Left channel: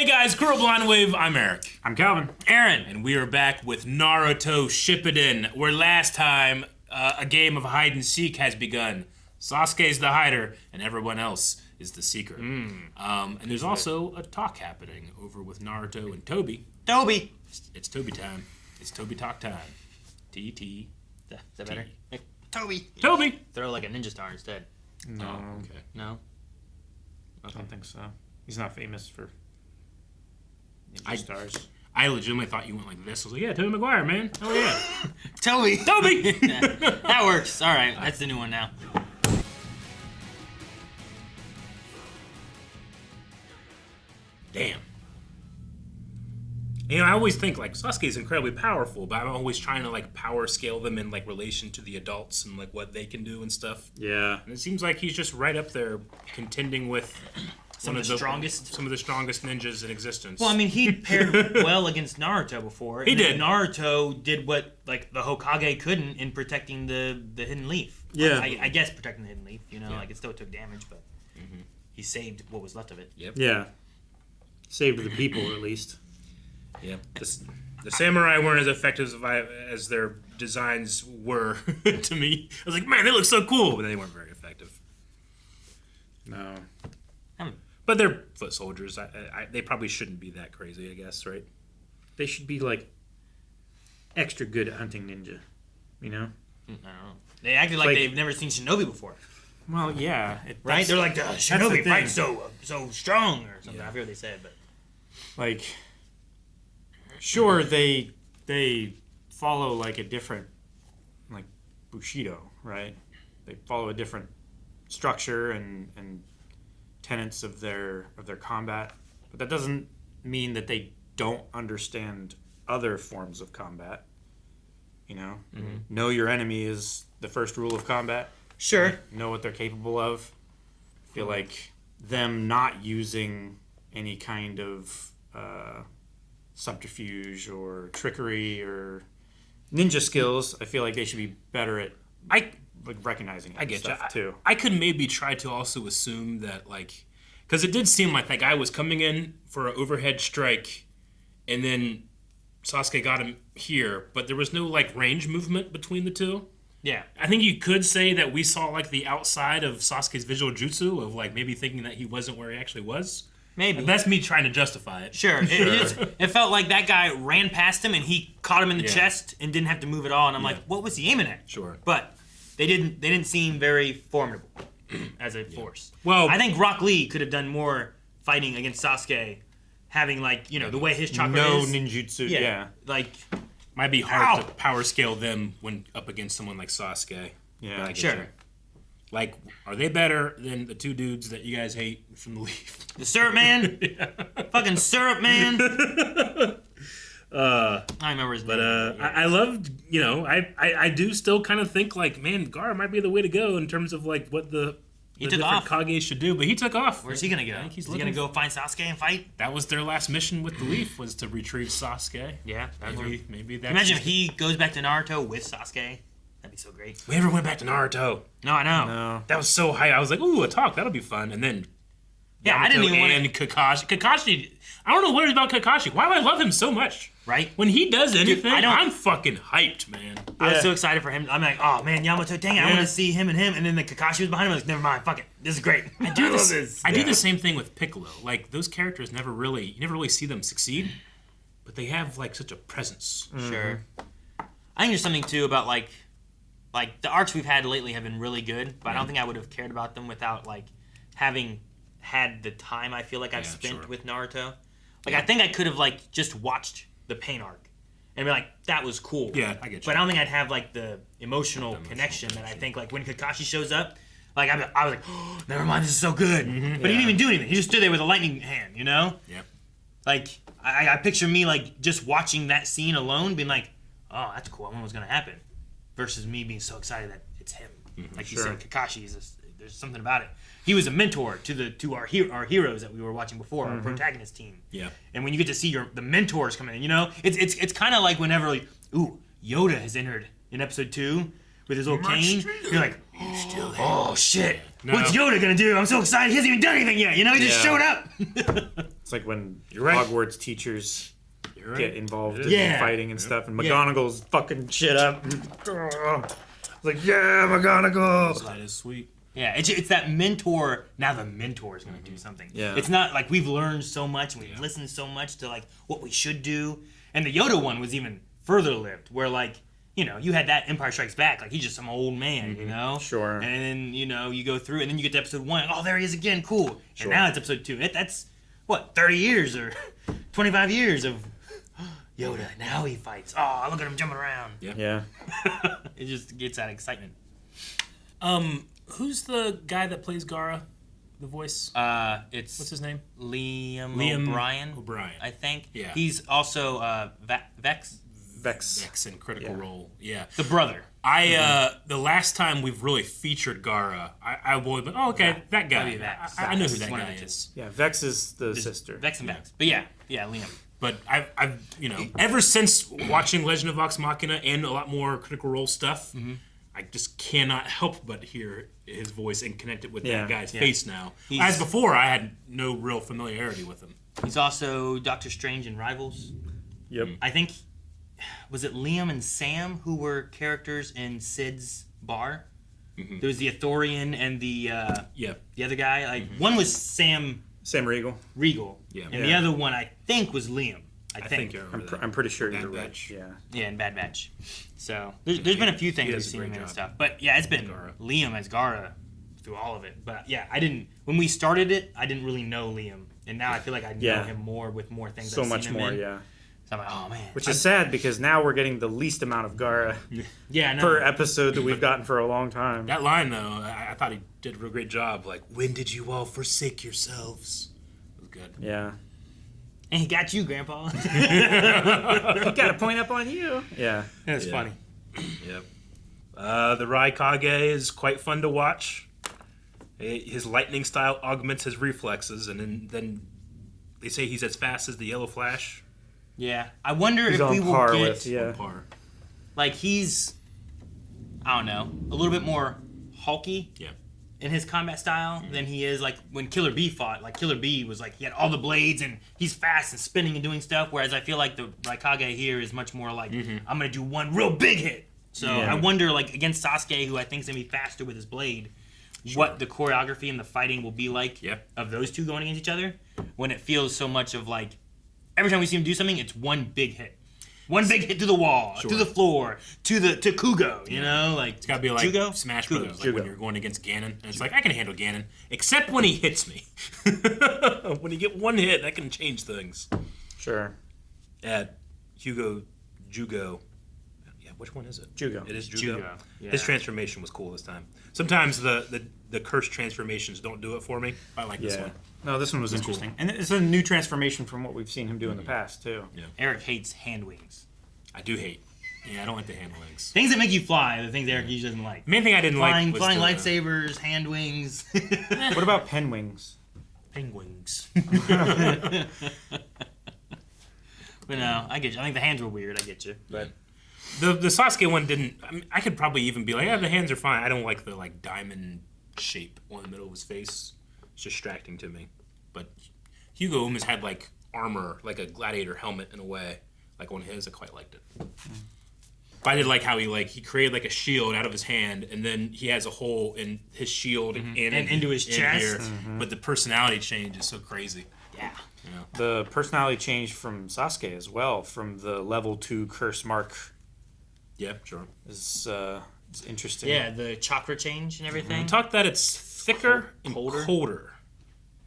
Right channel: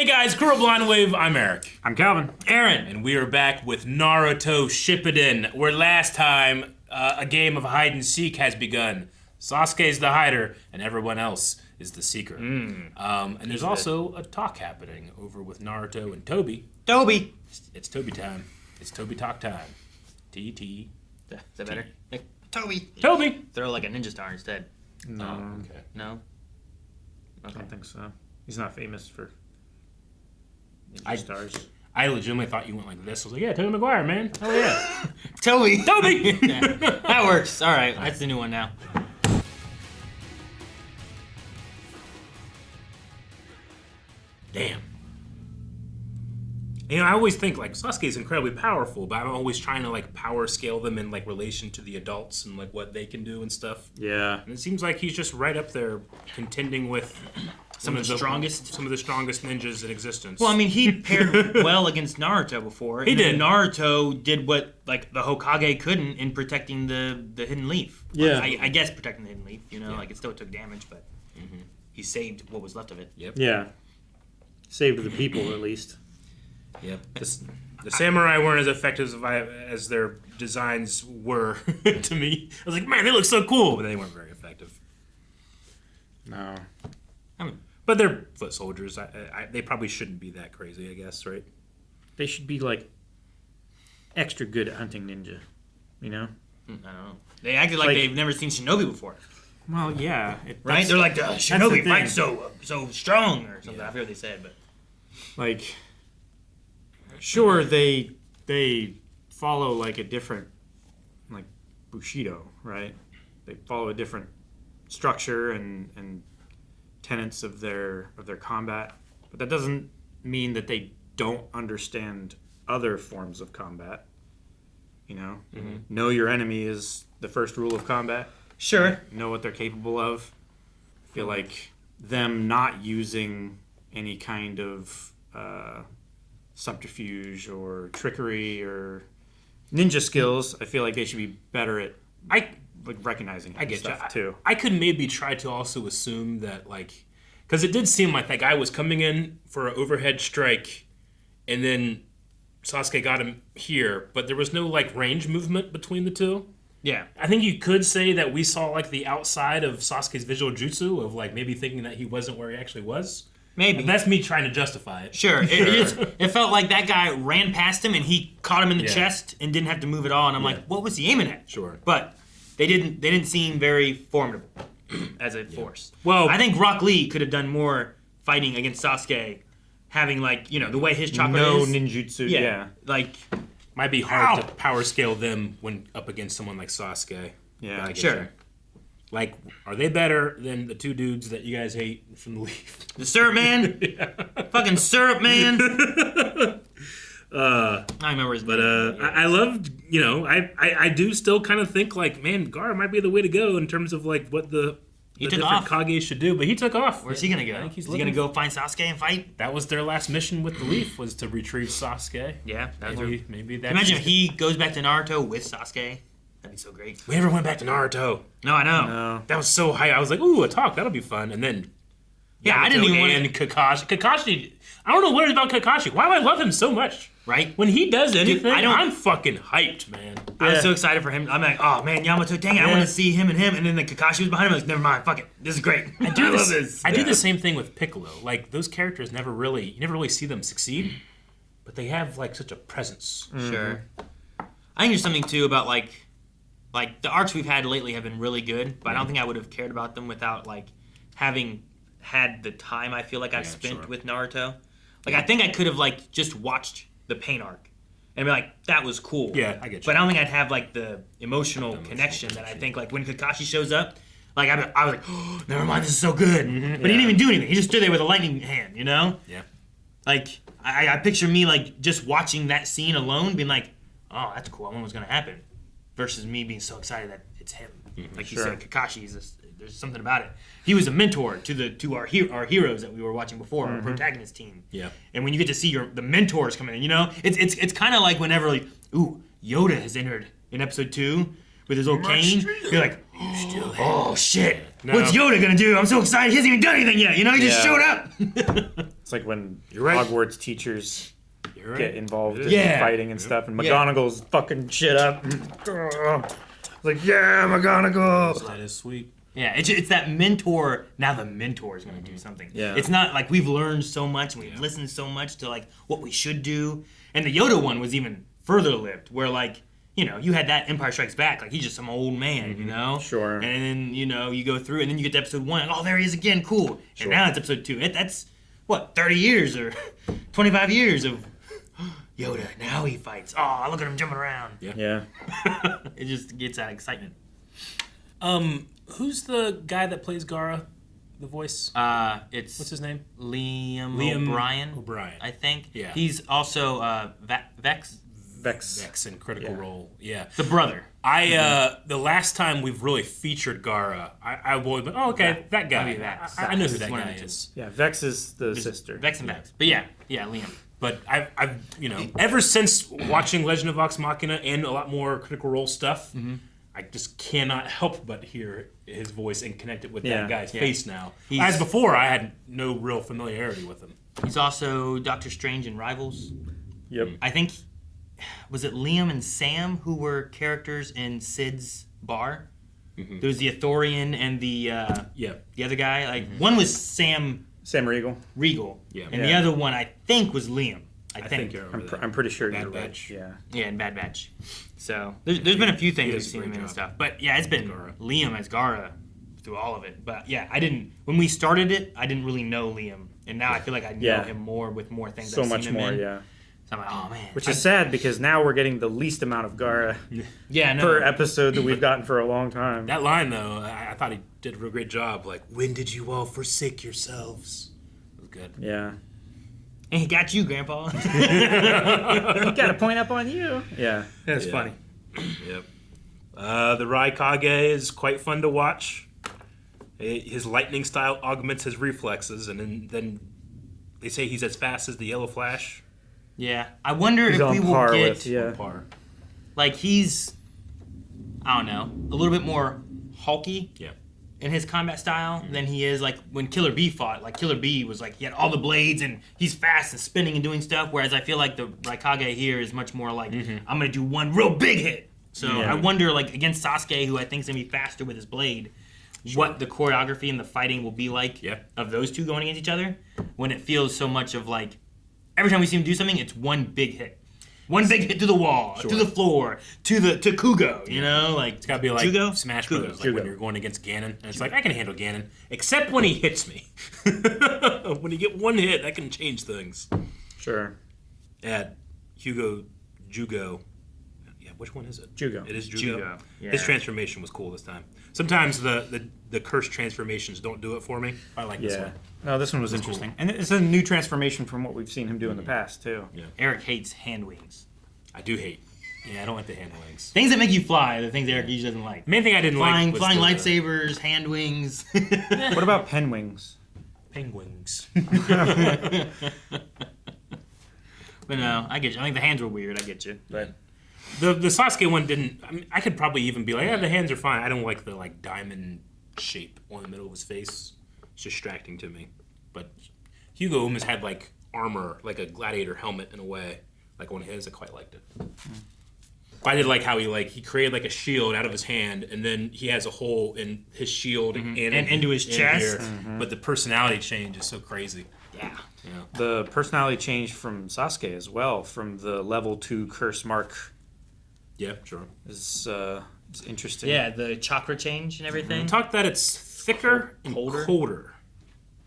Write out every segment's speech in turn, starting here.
Hey guys, Kurl Blindwave, I'm Eric. I'm Calvin. Aaron. And we are back with Naruto Shippuden, where last time a game of hide and seek has begun. Sasuke's the hider, and everyone else is the seeker. And there's also a talk happening over with Naruto and Toby. Toby. It's Toby time. It's Toby talk time. T-T. Is that better? Like, Toby. Toby! Throw like a ninja star instead. No, Okay. No? I don't think so. He's not famous for I- stars. I legitimately thought you went like this. I was like, yeah, Toby Maguire, man. Oh yeah. Toby. Toby! Yeah, that works. All right, that's the new one now. Damn. You know, I always think like Sasuke's incredibly powerful, but I'm always trying to like power scale them in like relation to the adults and like what they can do and stuff. Yeah. And it seems like he's just right up there contending with Some of the strongest ninjas in existence. Well, I mean, he paired well against Naruto before. He did. Naruto did what like the Hokage couldn't in protecting the hidden leaf. Yeah. I guess protecting the hidden leaf. You know, Yeah. like it still took damage, but he saved what was left of it. Yep. Yeah. Saved the people, at least. Yeah. The samurai weren't as effective as their designs were to me. I was like, man, they look so cool, but they weren't very effective. No. But they're foot soldiers. They probably shouldn't be that crazy, I guess, right? They should be, like, extra good at hunting ninja. You know? I don't know. They acted like they've never seen Shinobi before. Well, yeah. Right? They're like, Shinobi the fights so strong or something. Yeah. I forget what they said, but Like, sure, they follow, like, a different, like, Bushido, right? They follow a different structure and tenets of their combat, but that doesn't mean that they don't understand other forms of combat. You know, know your enemy is the first rule of combat. sure. Know what they're capable of. I feel like them not using any kind of subterfuge or trickery or ninja skills, I feel like they should be better at like recognizing I get stuff you. too. I could maybe try to also assume that, like, because it did seem like that guy was coming in for an overhead strike, and then Sasuke got him here, but there was no, like, range movement between the two. Yeah. I think you could say that we saw, like, the outside of Sasuke's visual jutsu of, like, maybe thinking that he wasn't where he actually was. Maybe. That's me trying to justify it. Sure. It felt like that guy ran past him and he caught him in the chest and didn't have to move at all. And I'm like, what was he aiming at? Sure. But they didn't seem very formidable as a force. Well, I think Rock Lee could have done more fighting against Sasuke, having like, you know, the way his chakra No is. ninjutsu, yeah. Like, might be hard to power scale them when up against someone like Sasuke. Yeah. Gotta get sure. there. Like, are they better than the two dudes that you guys hate from the Leaf? The syrup man. Fucking syrup man. I remember his name. I loved, you know, I do still kind of think, like, man, Gaara might be the way to go in terms of, like, what the different off. Kage should do. But he took off. Where's he gonna go? I think he's Is he gonna go find Sasuke and fight? That was their last mission with the Leaf, was to retrieve Sasuke. Yeah. Maybe that's... Imagine if he goes back to Naruto with Sasuke. That'd be so great. We never went back to Naruto. No, I know. No. That was so high. I was like, ooh, a talk. That'll be fun. And then... Yeah, I didn't even want And Kakashi... I don't know what it is about Kakashi. Why do I love him so much? Right? When he does anything, I don't- I'm fucking hyped, man. I was so excited for him. I'm like, oh man, Yamato, dang it, I want to see him. And then the Kakashi was behind him. I was like, never mind, fuck it. This is great. I do love this. I do the same thing with Piccolo. Like, those characters you never really see them succeed, but they have like such a presence. Sure. I think there's something too about like the arcs we've had lately have been really good, but I don't think I would have cared about them without like having had the time I feel like I've spent with Naruto. Like I think I could have like just watched the Pain arc and be like, that was cool. Yeah, I get you. But I don't think I'd have like the emotional connection that I think like when Kakashi shows up, like I was like, oh, never mind, this is so good. But he didn't even do anything. He just stood there with a lightning hand, you know? Yeah. Like I picture me like just watching that scene alone, being like, oh, that's cool. I wonder what's gonna happen, versus me being so excited that it's him. Like you said, Kakashi is. There's something about it. He was a mentor to our heroes that we were watching before, our protagonist team. Yeah. And when you get to see the mentors come in, you know, it's kind of like whenever like, ooh, Yoda has entered in episode 2 with his little cane. You're like, oh shit, No. what's Yoda gonna do? I'm so excited. He hasn't even done anything yet. You know, he just showed up. It's like when You're right. Hogwarts teachers You're right. get involved in Yeah. fighting and stuff, and McGonagall's fucking shit up. It's like, yeah, McGonagall. That is sweet. Yeah, it's that mentor. Now the mentor is going to do something. Yeah. It's not like we've learned so much and we've listened so much to like what we should do. And the Yoda one was even further lived, where like, you know, you had that Empire Strikes Back, like he's just some old man, you know? Sure. And then, you know, you go through and then you get to episode 1 and oh, there he is again, cool. And now it's episode 2. That's, what, 30 years or 25 years of Yoda, now he fights. Oh, look at him jumping around. Yeah. It just gets that excitement. Who's the guy that plays Gaara? The voice? It's What's his name? Liam O'Brien. I think. Yeah. He's also Vex, Vex. In Critical Role. Yeah. the brother. The last time we've really featured Gaara, I always went, oh, okay, that guy. Vex. I know who that One of guy the two. is. Yeah, Vex is the sister. Vex and Vex. But yeah, Liam. But I've ever since watching Legend of Vox Machina and a lot more Critical Role stuff, I just cannot help but hear his voice and connect it with that guy's face now. As before, I had no real familiarity with him. He's also Doctor Strange in Rivals. Yep. I think, was it Liam and Sam who were characters in Sid's bar? There was the Ithorian and the other guy. Like one was Sam Regal. Yeah. and the other one I think was Liam. I think. you're over I'm pretty sure Bad you're right. Batch. Yeah. Yeah, in Bad Batch. So there's been a few things he we've does a seen great him in and job. stuff. But yeah, it's been Gaara. Liam as Gaara through all of it. But yeah, when we started it, I didn't really know Liam. And now I feel like I know him more with more things So I've much seen him more, in. yeah. So I'm like, oh man. Which is sad because now we're getting the least amount of Gaara yeah, no. per episode that we've gotten for a long time. That line, though, I thought he did a real great job. Like, when did you all forsake yourselves? It was good. Yeah. And he got you, Grandpa. Got to point up on you. Yeah. That's funny. Yep. The Raikage is quite fun to watch. His lightning style augments his reflexes, and then they say he's as fast as the Yellow Flash. Yeah. I wonder He's if on we will par get with, yeah. On par. like he's I don't know, a little bit more hulky Yeah. in his combat style than he is like when Killer Bee fought. Like Killer Bee was like he had all the blades and he's fast and spinning and doing stuff, whereas I feel like the Raikage here is much more like I'm gonna do one real big hit. So Yeah. I wonder like against Sasuke, who I think is gonna be faster with his blade, what the choreography and the fighting will be like of those two going against each other when it feels so much of like every time we see him do something, it's one big hit. One big hit to the wall, to the floor, to Kugo, you know? Like It's got to be like Jugo? Smash Kugo. Brothers, like when you're going against Ganon. And it's like, I can handle Ganon, except when he hits me. When you get one hit, that can change things. Sure. Yeah, Jugo. Yeah, which one is it? Jugo. It is Jugo. Jugo, yeah. His transformation was cool this time. Sometimes the cursed transformations don't do it for me. I like this Yeah. one. No, this one was interesting. And it's a new transformation from what we've seen him do in the past, too. Yeah. Eric hates hand wings. I do hate. Yeah, I don't like the hand wings. Things that make you fly are the things Eric usually doesn't like. The main thing I didn't Flying like was lightsabers, hand wings. What about pen wings? penguins. But no, I get you. I think the hands were weird. I get you. But The Sasuke one didn't. I mean, I could probably even be like, yeah, the hands are fine. I don't like the like diamond shape on the middle of his face. It's distracting to me. But Hugo almost had like armor, like a gladiator helmet in a way, like on his. I quite liked it. I did like how he created like a shield out of his hand, and then he has a hole in his shield and into his in chest. here. But the personality change is so crazy. yeah. The personality changed from Sasuke as well, from the level 2 curse mark. Yeah, sure. Is interesting. Yeah, the chakra change and everything. Talk that it's thicker and colder.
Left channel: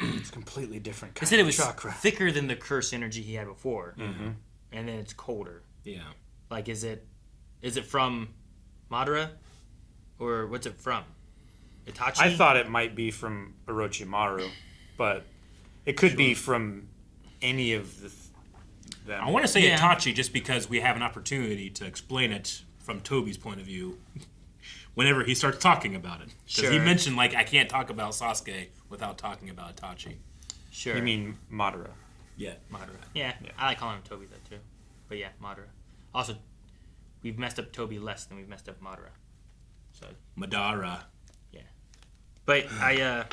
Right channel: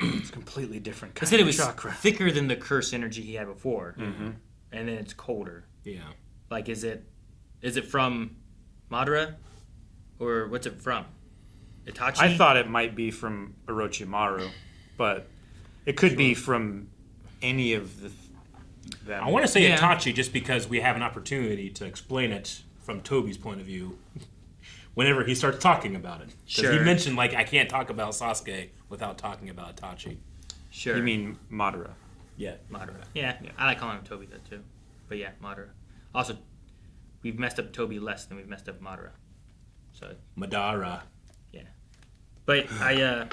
It's completely different I kind said it of was chakra. thicker than the curse energy he had before, and then it's colder. Yeah. Like, is it from Madara, or what's it from? Itachi? I thought it might be from Orochimaru, but it could be from any of them. I want to say Yeah. Itachi just because we have an opportunity to explain it from Toby's point of view whenever he starts talking about it. Because he Sure. mentioned, like, I can't talk about Sasuke without talking about Itachi. Sure. You mean Madara? Yeah. Madara? Yeah, I like calling him Toby though too. But yeah, Madara. Also, we've messed up Toby less than we've messed up Madara. So, Madara. but I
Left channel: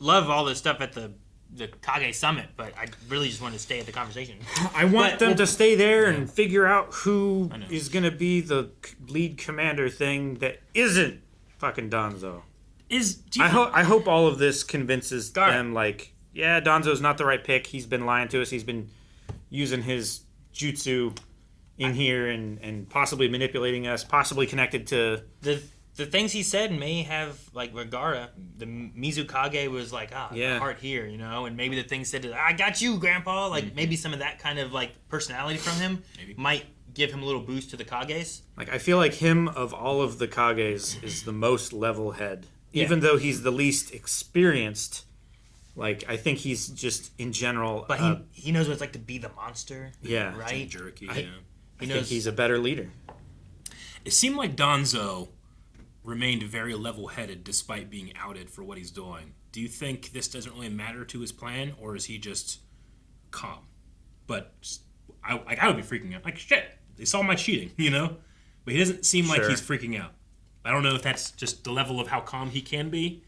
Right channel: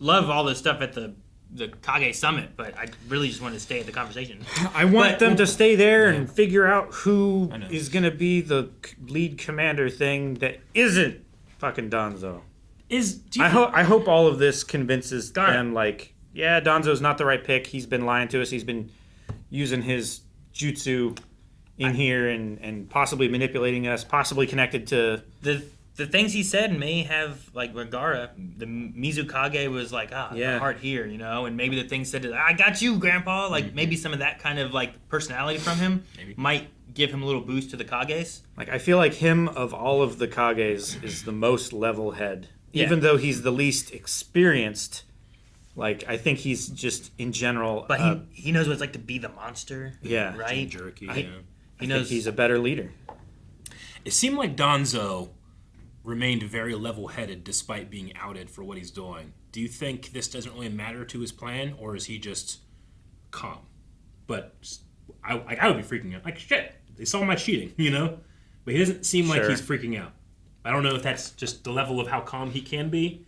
love all the stuff at the the Kage Summit, but I really just wanted to stay in the conversation. I want them to stay there and figure out who is going to be the lead commander thing that isn't fucking Danzo. I hope all of this convinces them, like, yeah, Danzo's not the right pick. He's been lying to us. He's been using his jutsu in here and possibly manipulating us, possibly connected to... The things he said may have, like, with Gaara, the Mizukage was like, the heart here, you know? And maybe the things said, I got you, Grandpa. Like, maybe some of that kind of, like, personality from him might give him a little boost to the Kages. Like, I feel like him, of all of the Kages, is the most level head. Yeah. Even though he's the least experienced, like, I think he's just, in general... But he knows what it's like to be the monster. Yeah. Right? Jerky, He knows he's a better leader. It seemed like Danzo remained very level-headed despite being outed for what he's doing. Do you think this doesn't really matter to his plan, or is he just calm? But I would be freaking out. Like, shit, they saw my cheating, you know? But he doesn't seem like he's freaking out. I don't know if that's just the level of how calm he can be,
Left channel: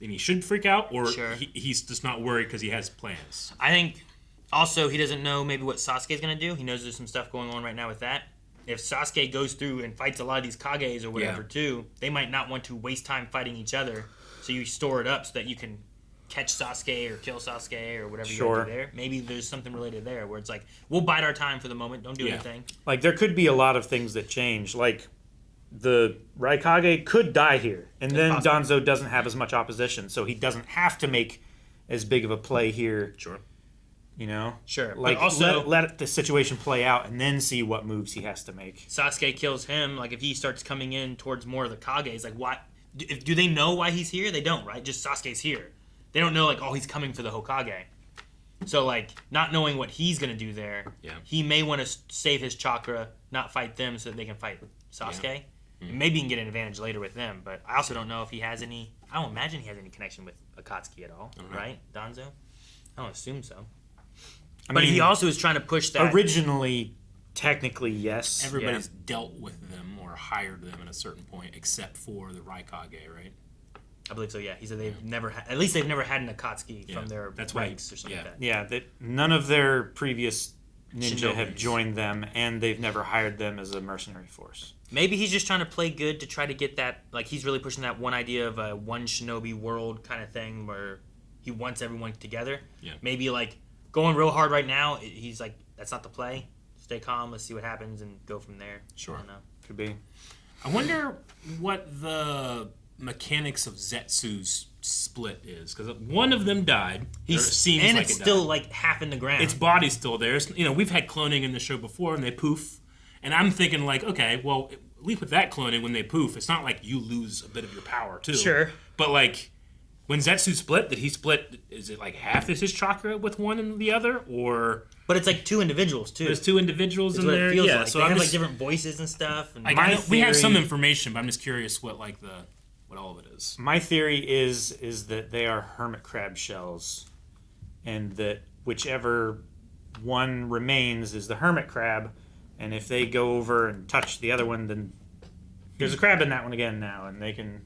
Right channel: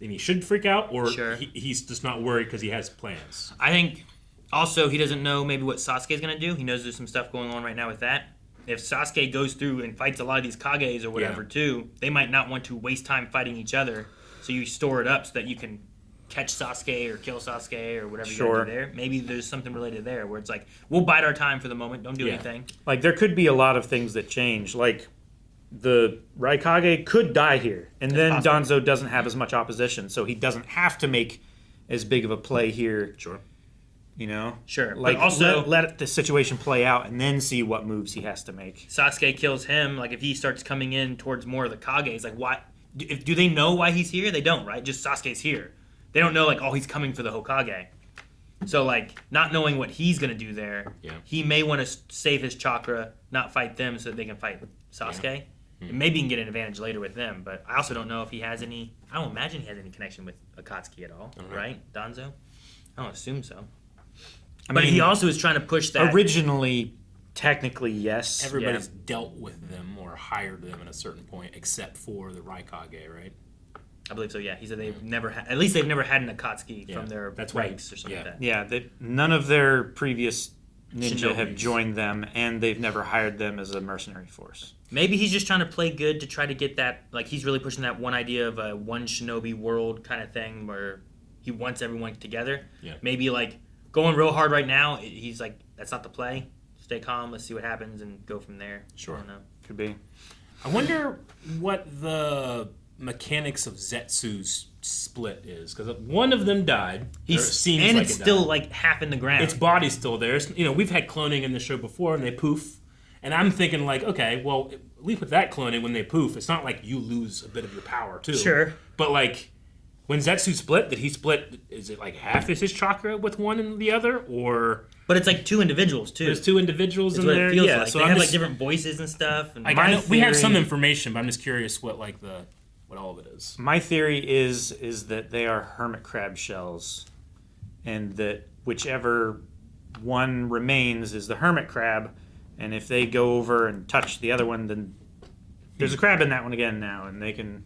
then he should freak out, or he's just not worried because he has plans. I think also he doesn't know maybe what Sasuke's going to do. He knows there's some stuff going on right now with that. If Sasuke goes through and fights a lot of these Kages or whatever too, they might not want to waste time fighting each other. So you store it up so that you can catch Sasuke or kill Sasuke or whatever you do there. Maybe there's something related there where it's like, we'll bide our time for the moment, don't do anything. Like, there could be a lot of things that change. Like, the Raikage could die here, and then Danzo doesn't have as much opposition, so he doesn't have to make as big of a play here. Sure. You know? Sure. Like, but also, let the situation play out and then see what moves he has to make. Sasuke kills him. Like, if he starts coming in towards more of the Kages, like, why? Do they know why he's here? They don't, right? Just Sasuke's here. They don't know, like, oh, he's coming for the Hokage. So, like, not knowing what he's going to do there, he may want to save his chakra, not fight them so that they can fight Sasuke. Yeah. And maybe he can get an advantage later with them, but I also don't know if he has any... I don't imagine he has any connection with Akatsuki at all, right? Danzo? I don't assume so. But he also is trying to push that... Originally, technically, yes. Everybody's dealt with them or hired them at a certain point, except for the Raikage, right? I believe so, yeah. He said they've never had... At least they've never had an Akatsuki from their ranks or something like that. Yeah, none of their previous ninja have joined them, and they've never hired them as a mercenary force. Maybe he's just trying to play good to try to get that... Like, he's really pushing that one idea of a one shinobi world kind of thing where he wants everyone together. Yeah. Maybe, like... Going real hard right now, he's like, that's not the play. Stay calm, let's see what happens, and go from there. Sure. I don't know. Could be. I wonder what the mechanics of Zetsu's split is, because one of them died. Seems and like it's still like half in the ground. Its body's still there. You know, we've had cloning in the show before, and they poof. And I'm thinking like, okay, well, at least with that cloning, when they poof, it's not like you lose a bit of your power too. Sure. But like... When Zetsu split, did he split, is it like half is his chakra with one and the other, or... But it's like two individuals, too. There's two individuals in there, yeah. Like. So they have like different voices and stuff. And like, I know, we have some information, but I'm just curious what all of it is. My theory is that they are hermit crab shells, and that whichever one remains is the hermit crab, and if they go over and touch the other one, then there's a crab in that one again now, and they can...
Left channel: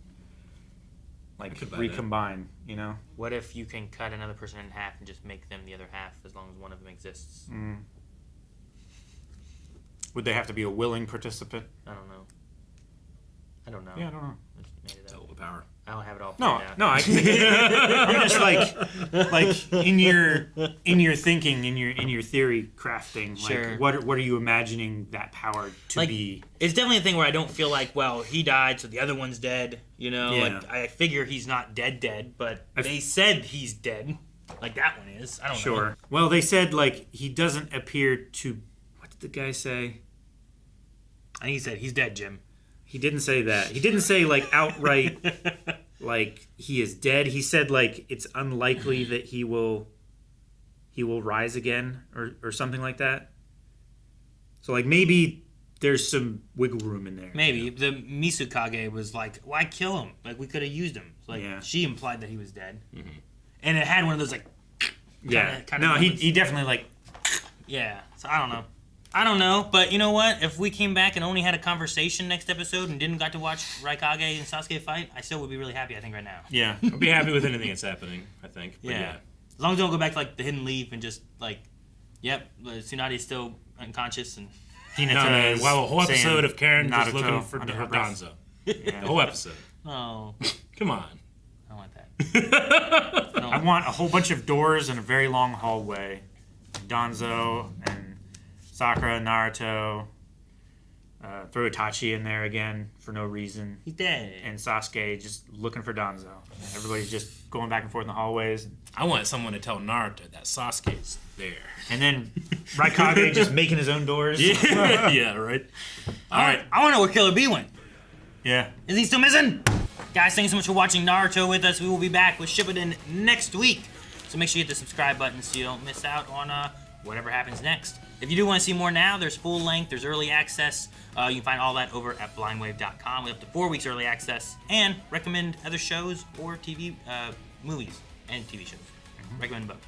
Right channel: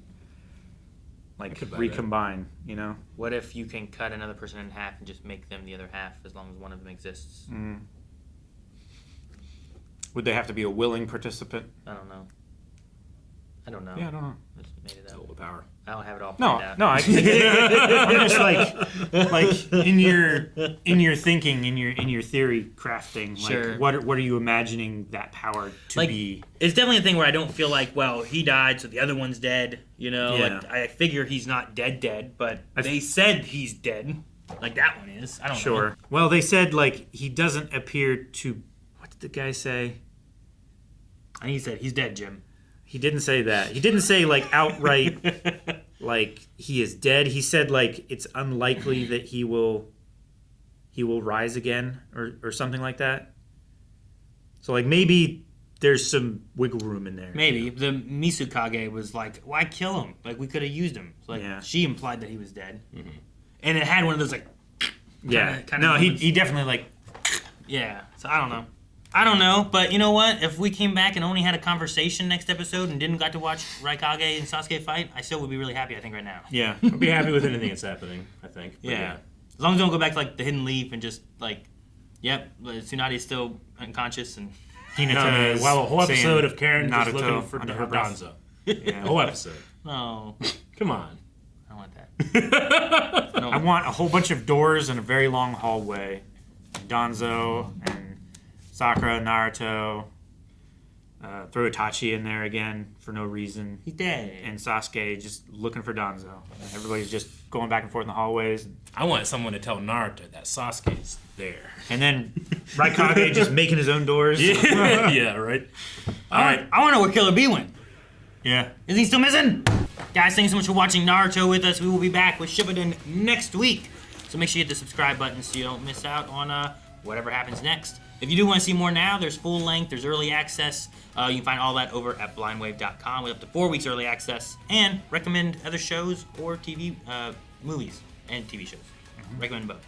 Like, recombine, you know? What if you can cut another person in half and just make them the other half as long as one of them exists? Would they have to be a willing participant? I don't know. Yeah, I don't know. That's all the power. I don't have it all planned out. No, I'm just like in your thinking, in your theory crafting, sure. Like what are you imagining that power to be? It's definitely a thing where I don't feel like, well, he died, so the other one's dead. You know, like I figure he's not dead, but they said he's dead. Like that one is. I don't know. Sure. Well, they said like he doesn't appear to. What did the guy say? I think he said he's dead, Jim. He didn't say that. He didn't say like outright like he is dead. He said like it's unlikely that he will rise again or something like that. So like maybe there's some wiggle room in there. Maybe. The Mizukage was like, why kill him? Like we could have used him. Like she implied that he was dead. Mm-hmm. And it had one of those like kinda no, he definitely like yeah. So I don't know, but you know what? If we came back and only had a conversation next episode and didn't got to watch Raikage and Sasuke fight, I still would be really happy, I think, right now. Yeah. I'll be happy with anything that's happening, I think. But yeah. As long as we don't go back to like the Hidden Leaf and just like, yep, Tsunade is still unconscious and. Hinata man. is Well, a whole saying episode of Karen just Naruto looking for under her breath. Danzo. Yeah. The whole episode. Oh, Come on. I want that. I want a whole bunch of doors and a very long hallway. Danzo and Sakura, Naruto. Throw Itachi in there again for no reason. He's dead. And Sasuke just looking for Danzo. And everybody's just going back and forth in the hallways. I want someone to tell Naruto that Sasuke's there. And then Raikage just making his own doors. Yeah, yeah, right. All right. I want to know where Killer B went. Yeah. Is he still missing? Guys, thanks so much for watching Naruto with us. We will be back with Shippuden next week. So make sure you hit the subscribe button so you don't miss out on whatever happens next. If you do want to see more now, there's full length, there's early access. You can find all that over at blindwave.com with up to 4 weeks early access, and recommend other shows or TV, movies and TV shows. Recommend both.